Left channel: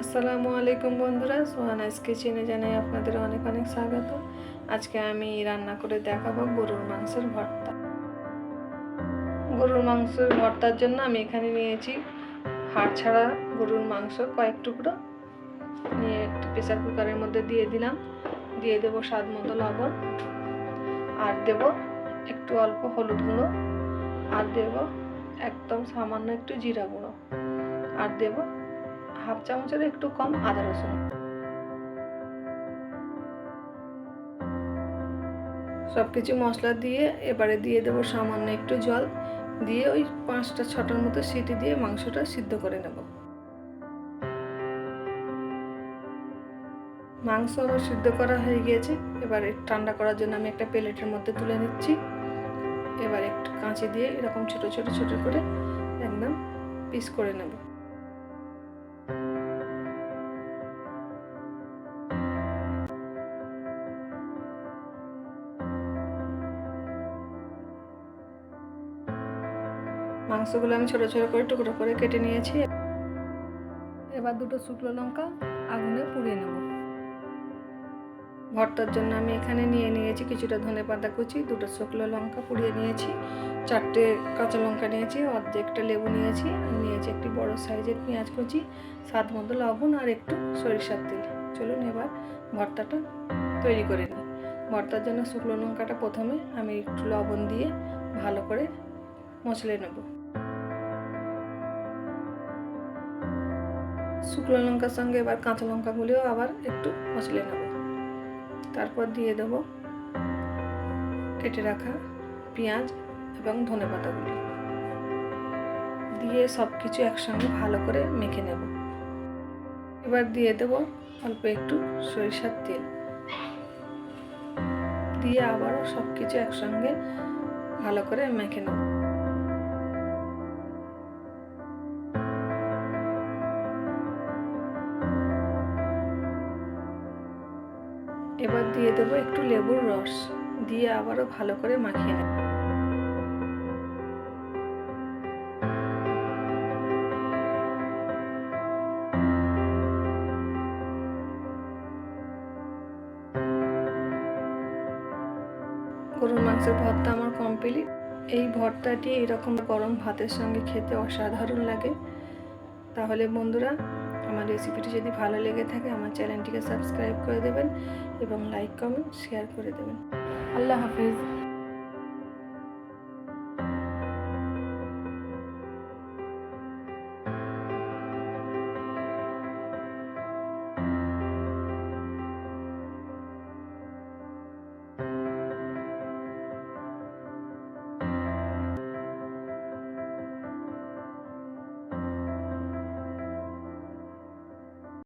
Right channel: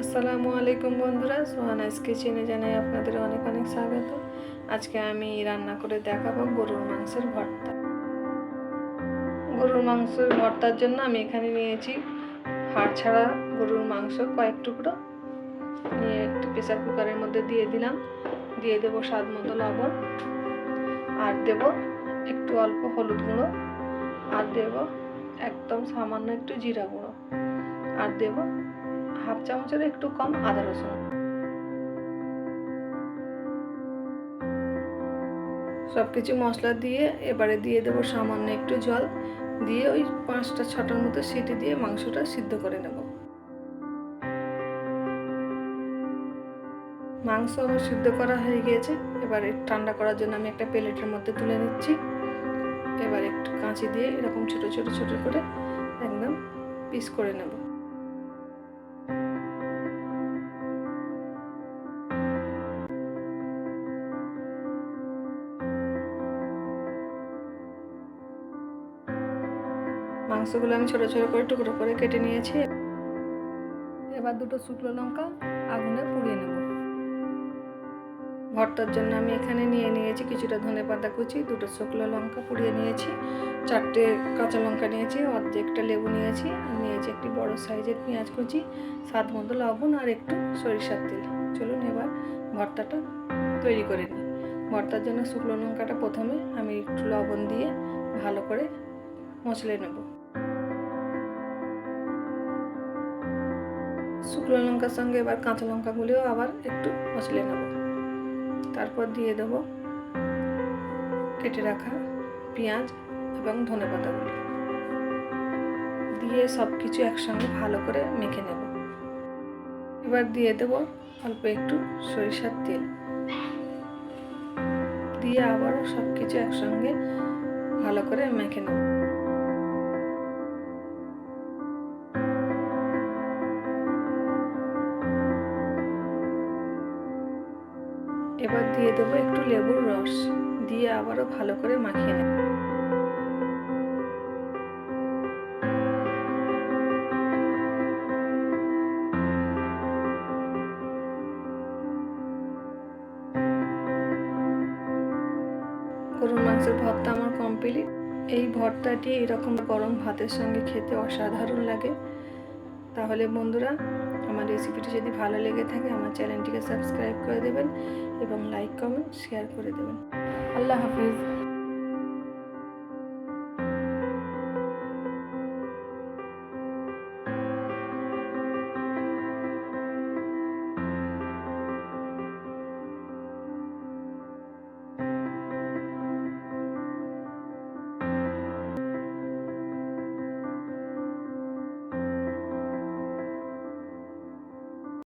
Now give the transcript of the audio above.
আসসালামু আলাইকুম বন্ধুরা, সোহানাস কিচেনে জানাই আপনাদের অনেক অনেক স্বাগত। আজকে আমি রান্না করে দেখাবো গরুর মাংসের ভর্তা। গরুর মাংসের ভর্তার জন্য আমি এখানে নিয়েছি হাড় ছাড়া গরুর মাংস কয়েক টুকরো নিয়ে একটু প্রেসার কুকারের মধ্যে দিয়ে দিলাম। দিয়ে দেবো স্বাদ মতো লবণ, আর দেব একটু অল্প হলুদ গুঁড়ো, আর দেব একদম সামান্য একটু জিরা গুঁড়ো, আর দেব হাফ চামচের একটু কম আদা রসুন। সব কিছু মশলা দিয়ে এবারে দিয়ে দেবো সামান্য একটু জল দিয়ে ওই 5-6টার মতো সিটি দিয়ে মাংসটা সিদ্ধ করে নেব। মাংস আমার সিদ্ধ করা হয়ে গিয়েছে। এবারে ঠান্ডা করার জন্য আমি একটা প্লেটের মধ্যে তুলে নিচ্ছি। এবার একটু কাঁচি দিয়ে এরকম ছোট ছোট ছোট করে একদম পিস করে নেব। মাংসগুলো আমি ছোট ছোট করে টুকরো করে কেটে নিয়েছি। এবার দুটো শুকনো লঙ্কা আগুনে পুড়িয়ে নেব। ভর্তার জন্য আমি এখানে নিয়েছি কিছুটা ধনেপাতা কুচি, দুটো শুকনো লঙ্কা পুড়িয়ে নিয়েছি, 4টে কাঁচা লঙ্কা নিয়েছি, অর্ধেকটা লেবু নিয়েছি, আর নিয়েছি একটি বড় সাইজের পেঁয়াজ কুচি, স্বাদ মতো লবণ, আর একটু সরিষার তেল। চলুন এবার ভর্তাটা তৈরি করে নিই। ভর্তার জন্য শুকনো লঙ্কাটা প্রথমে আমি একটু লবণ দিয়ে ভালো করে মচলে নেব। শুকনো লঙ্কার সঙ্গে এবার কাঁচা লঙ্কাগুলিও আবার একটু মচলে নেব। তারপর দিয়ে দেব কেটে রাখা পেঁয়াজ এবং ধনেপাতাগুলি দিয়ে সব কিছু একসঙ্গে ভালো করে মেখে নেব। এবার দিয়ে দেব অল্প একটু সরিষার তেল দিয়ে আবারও সব কিছু একসঙ্গে ভালো করে মেখে নেব। এবার দিয়ে দেব একটু লেবুর রস দিয়ে আবারও ভালো করে মাখিয়ে নেব। গরুর মাংসের ভর্তা আমার কমপ্লিট। এই ভর্তাটি এরকম গরম ভাতের সঙ্গে খেতে অসাধারণ লাগে। তাহলে বন্ধুরা, আমার রেসিপিটি যদি ভালো লেগে থাকে আমার চ্যানেলটিকে সাবস্ক্রাইব করে দেবেন এবং লাইক কমেন্ট শেয়ার করে দেবেন। আল্লাহ হাফেজ।